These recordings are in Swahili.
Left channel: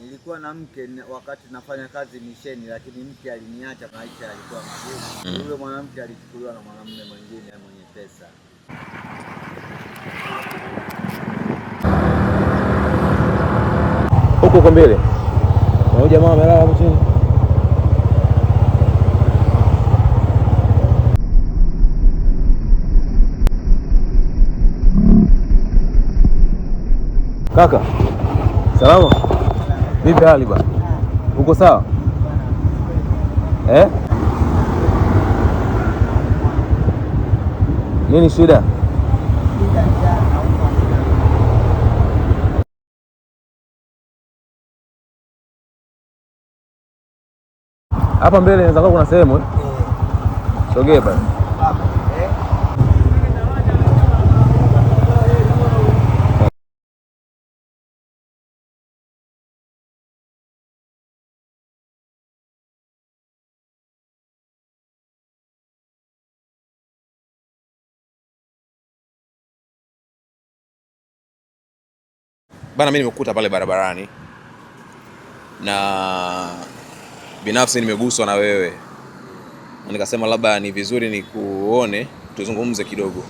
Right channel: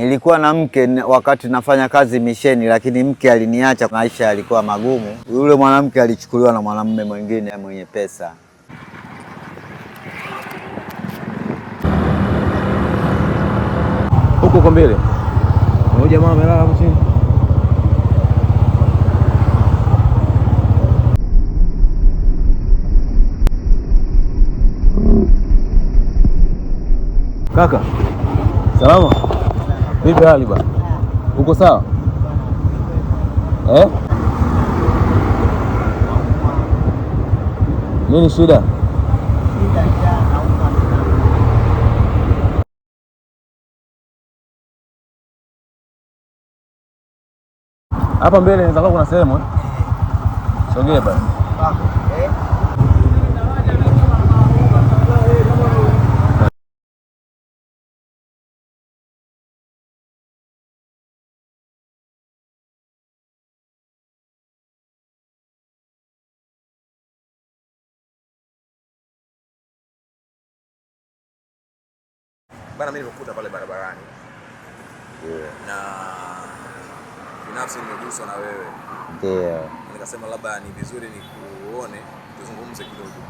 Nilikuwa na mke wakati nafanya kazi misheni, lakini mke aliniacha, maisha yalikuwa magumu. Yule mwanamke alichukuliwa na mwanamume mwingine mwenye pesa. Huko kwa mbele. Na jamaa amelala hapo chini. Kaka. Salama. Vipi hali bwana? Uko sawa? Nini shida? Hapa mbele inaweza kuwa kuna sehemu. Sogea bwana. Bana, mimi nimekuta pale barabarani na binafsi nimeguswa na wewe. Nikasema labda ni vizuri nikuone tuzungumze kidogo.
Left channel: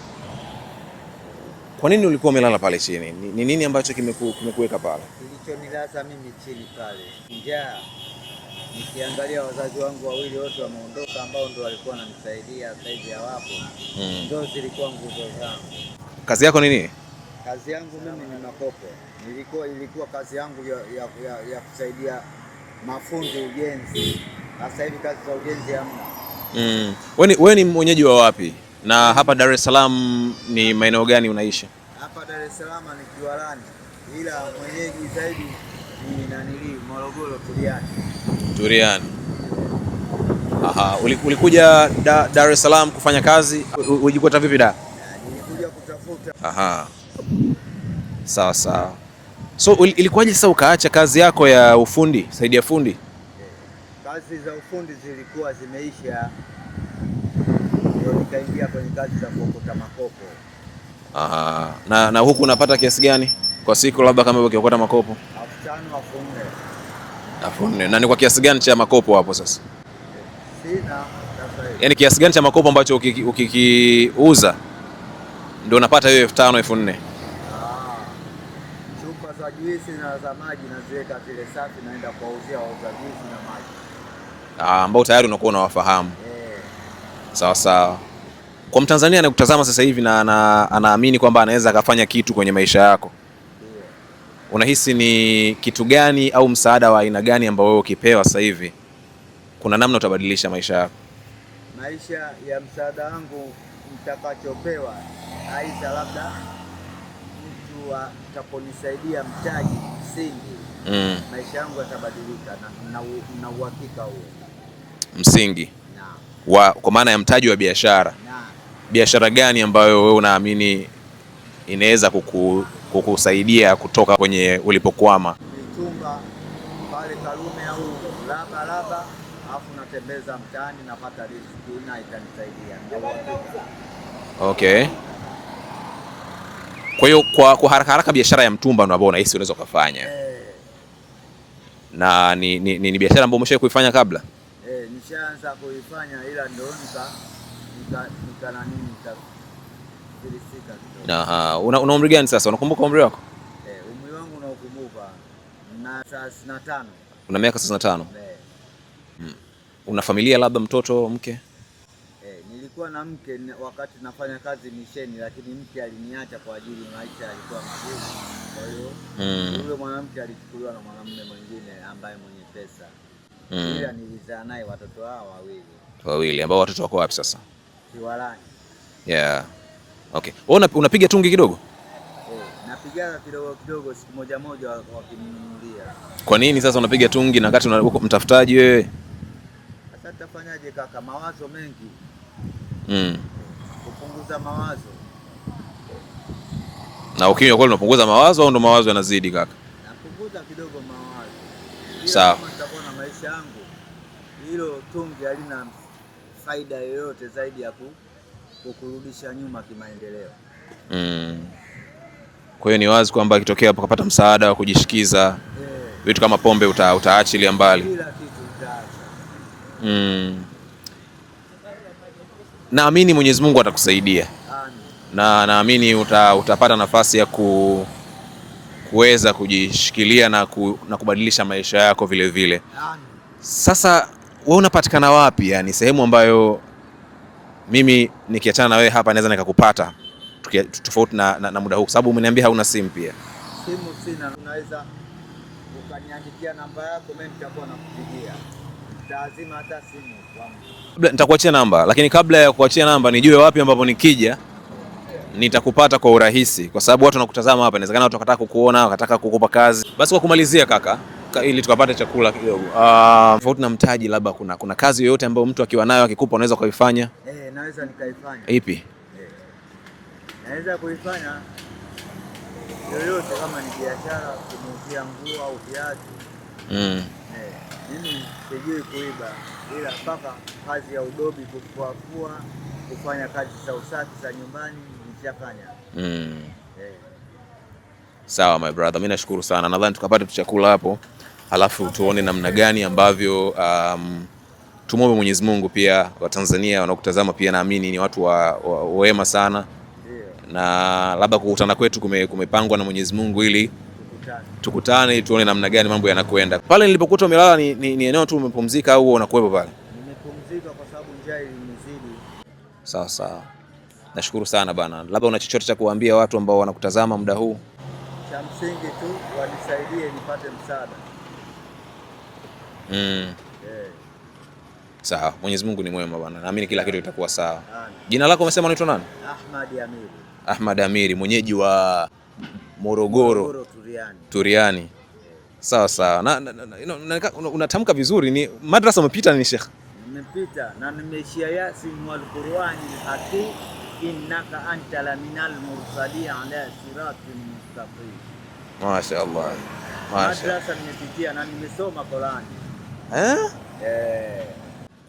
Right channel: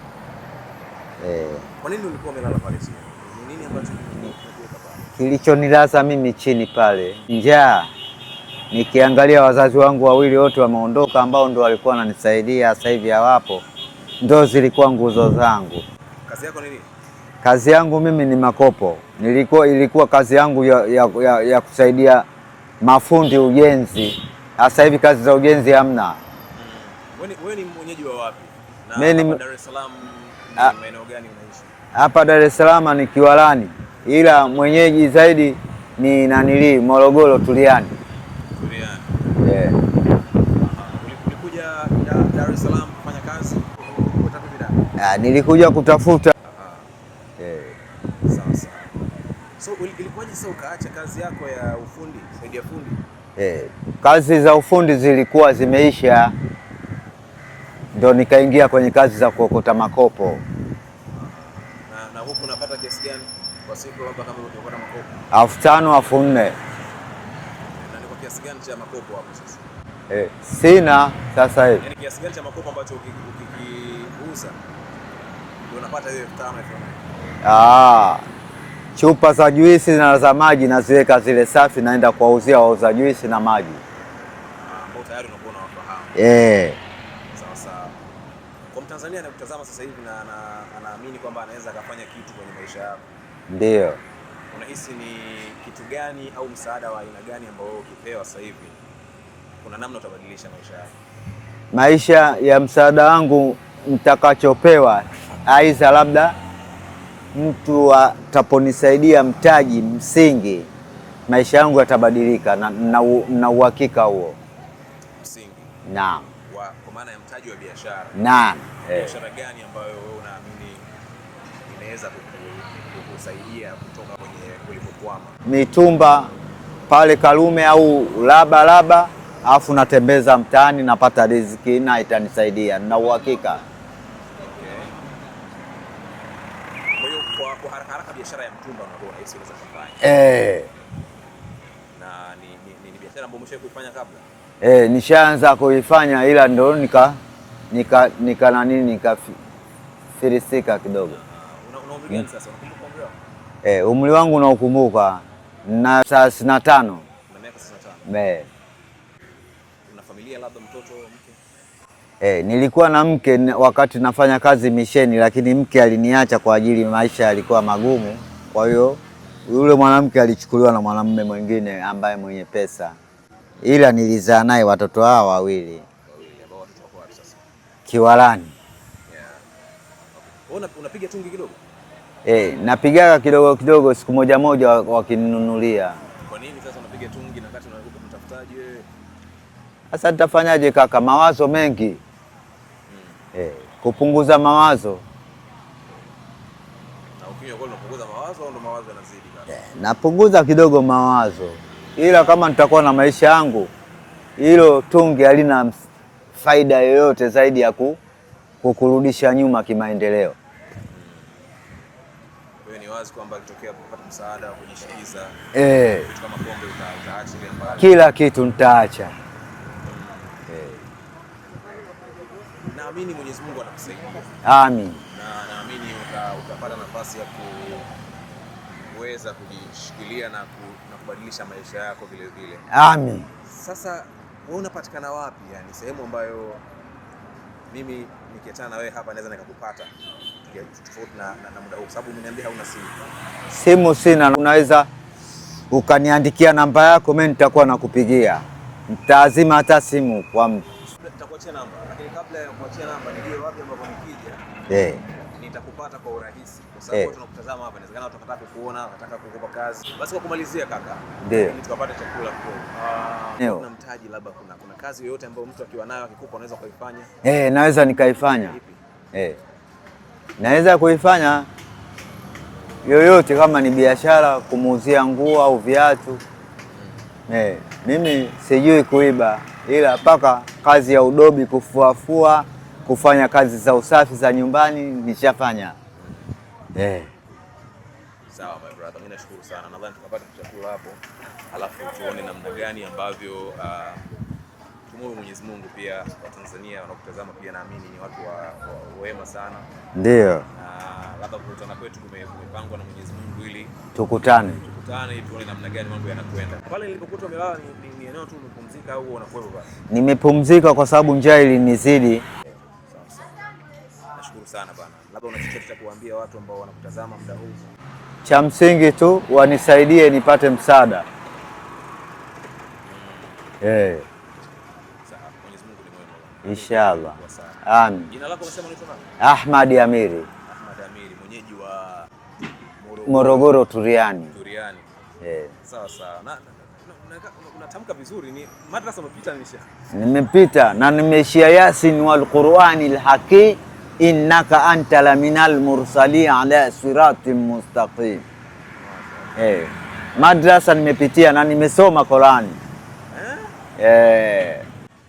Kwa nini ulikuwa umelala pale chini? Ni nini ambacho kimekuweka pale? Kilichonilaza mimi chini pale, njaa. Nikiangalia wazazi wangu wawili wote wameondoka, ambao ndo walikuwa wananisaidia, sasa hivi hawapo. Ndo zilikuwa nguzo zangu. Kazi yako ni nini? Kazi yangu mimi ni makopo. Ilikuwa kazi yangu ya kusaidia mafundi ujenzi. Sasa hivi kazi za ujenzi hamna. Wewe ni mwenyeji wa wapi? Na hapa Dar es Salaam ni maeneo gani unaishi? Hapa Dar es Salaam ni Kiwalani, ila mwenyeji zaidi ni Morogoro, Turiani. Turiani. Aha, ulikuja Dar es Salaam kufanya kazi? Ulijikuta vipi da? Nilikuja kutafuta. Aha. Sawa sawa. So ilikuwaje sasa ukaacha kazi yako ya ufundi, saidia fundi? Kazi za ufundi zilikuwa zimeisha, ndio nikaingia kwenye kazi za kuokota makopo. Aha. Na huku unapata kiasi gani kwa siku, labda kama ukiokota makopo? 5,000, 4,000. 4,000. Na ni kwa kiasi gani cha makopo hapo sasa? Sina sasa hivi. Yaani kiasi gani cha makopo ambacho ukikiuza ndio unapata hiyo 5,000, 4,000? Chupa za juisi na za maji naziweka zile safi, naenda kuwauzia wauza juisi na maji. Ambao tayari unakuwa unawafahamu. Sawa sawa. Kwa Mtanzania anayekutazama sasa hivi na anaamini kwamba anaweza akafanya kitu kwenye maisha yako, ndio unahisi ni kitu gani au msaada wa aina gani ambao wewe ukipewa sasa hivi kuna namna utabadilisha maisha yako? Maisha ya msaada wangu mtakachopewa, aidha labda mtu ataponisaidia mtaji msingi, maisha yangu yatabadilika, na uhakika huo. Msingi? Naam. Kwa maana ya mtaji wa biashara? Naam. Biashara gani ambayo wewe unaamini inaweza kukusaidia kutoka kwenye ulipokwama? Mitumba pale Karume au laba, alafu natembeza mtaani, napata riziki na itanisaidia, na uhakika. Okay. Kwa hiyo kwa haraka biashara ya mtumba ndio ambayo unahisi unaweza kufanya? Na ni biashara ambayo umeshawahi kuifanya kabla? Nishaanza kuifanya, ila ndo nikafilisika kidogo. Aha. Una umri gani sasa? Unakumbuka umri wako? Umri wangu naukumbuka, na 35. Una miaka 35? Una familia, labda mtoto, mke? Nilikuwa na mke wakati nafanya kazi misheni, lakini mke aliniacha kwa ajili maisha yalikuwa magumu. Kwa hiyo yule mwanamke alichukuliwa na mwanamume mwingine ambaye mwenye pesa. Ila nilizaa naye watoto hao wawili. Ambao watoto wako wapi sasa? Kiwalani. Okay. Wewe unapiga tungi kidogo? Napigaga kidogo siku moja wakininunulia. Kwa nini sasa unapiga tungi na wakati mtafutaji wewe? Sasa nitafanyaje kaka, mawazo mengi. Kupunguza mawazo. Na ukinywa kweli unapunguza mawazo au ndo mawazo yanazidi kaka? Napunguza kidogo mawazo. Ila kama nitakuwa na maisha yangu, hilo tungi halina faida yoyote zaidi ya kukurudisha nyuma kimaendeleo. Kwa hiyo ni wazi kwamba ikitokea ukapata msaada wa kujishikiza vitu kama pombe utaachilia mbali. Kila kitu nitaacha. Naamini Mwenyezi Mungu atakusaidia. Amin. Na naamini utapata nafasi ya kuweza kujishikilia na kubadilisha maisha yako vile vile. Amin. Sasa wewe unapatikana wapi? Yani sehemu ambayo mimi nikiachana na wewe hapa naweza nikakupata tofauti na muda huu, sababu umeniambia hauna simu pia. Simu sina, unaweza ukaniandikia namba yako, mimi nitakuwa nakupigia. Nitaazima hata simu kwa mtu. Nitakuachia namba, lakini kabla ya kuachia namba nijue wapi ambapo nikija nitakupata kwa urahisi, kwa sababu watu wanakutazama hapa, inawezekana watu wakataka kukuona, wakataka kukupa kazi. Basi kwa kumalizia kaka, ili tukapate chakula kidogo. Tofauti na mtaji, labda kuna kazi yoyote ambayo mtu akiwa nayo akikupa unaweza kuifanya? Naweza nikaifanya. Ipi? Naweza kuifanya yoyote, kama ni biashara, kumuuzia nguo au viatu. Mimi sijui kuiba, ila paka kazi ya udobi, kufuafua, kufanya kazi za usafi za nyumbani nishafanya. Sawa my brother, mimi nashukuru sana. Nadhani tukapata chakula hapo, halafu tuone namna gani ambavyo tumwombe Mwenyezi Mungu pia wa Tanzania wanaokutazama pia naamini ni watu wema sana. Ndio. Na labda kukutana kwetu kumepangwa na Mwenyezi Mungu ili tukutane tuone namna gani mambo yanakwenda. Pale nilipokuta umelala ni eneo tu umepumzika au unakuwepo pale? Nimepumzika kwa sababu njaa ilinizidi. Sawa sawa. Nashukuru sana bana. Labda una chochote cha kuambia watu ambao wanakutazama muda huu? Cha msingi tu wanisaidie nipate msaada. Sawa. Mwenyezi Mungu ni mwema bwana. Naamini kila kitu kitakuwa sawa. Amin. Jina lako umesema unaitwa nani? Ahmad Amiri. Ahmad Amiri, mwenyeji wa Morogoro Turiani. Sawa sawa. Unatamka vizuri. Ni madrasa umepita ni Sheikh? Nimepita na nimeishia Yasin wal Qur'anil Hakim innaka anta laminal mursalin ala siratin mustaqim. Mashaallah. Madrasa nimepitia na nimesoma Qur'ani.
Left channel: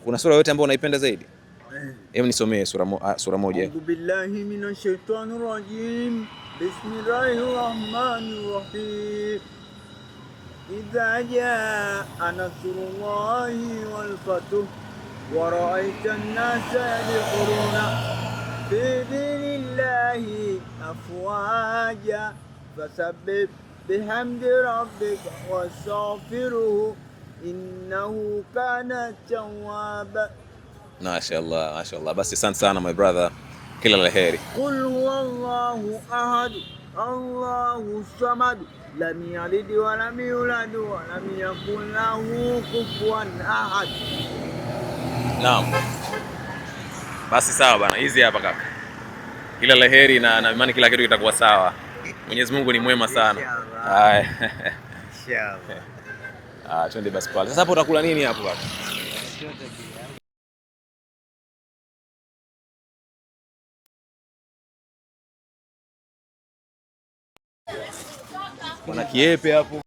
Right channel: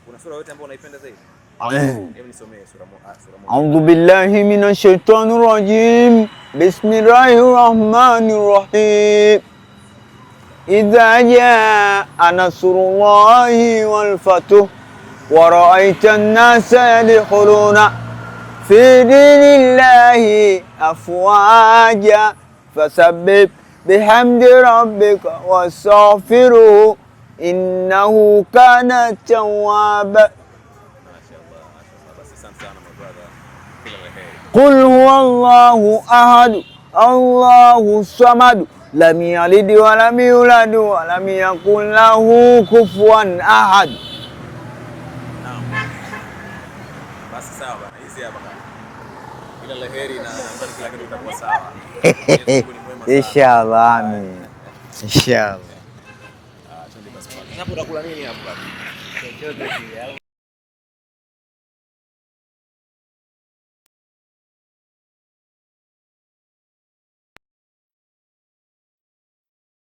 Kuna sura yote ambayo unaipenda zaidi? Hebu nisomee sura moja. A'udhu billahi minash shaitanir rajim. Bismillahir rahmanir rahim. Idha jaa nasrullahi wal fathu wa ra'aita an-nasa yadkhuluna fi dinillahi afwaja fasabbih bihamdi rabbika wastaghfiruhu innahu kana tawwaba. Mashaallah, mashaallah. Basi asante sana my brother. Kila la heri. Qul huwallahu ahad, Allahu samad, lam yalid wa lam yulad wa lam yakul lahu kufuwan ahad. Naam. Basi sawa bana, hizi hapa kaka. Kila la heri na imani kila kitu kitakuwa sawa. Mwenyezi Mungu ni mwema sana. Inshallah. Inshallah. Twende basi pale. Sasa hapo utakula nini hapo baba? Chochote kile. Kuna kiepe hapo.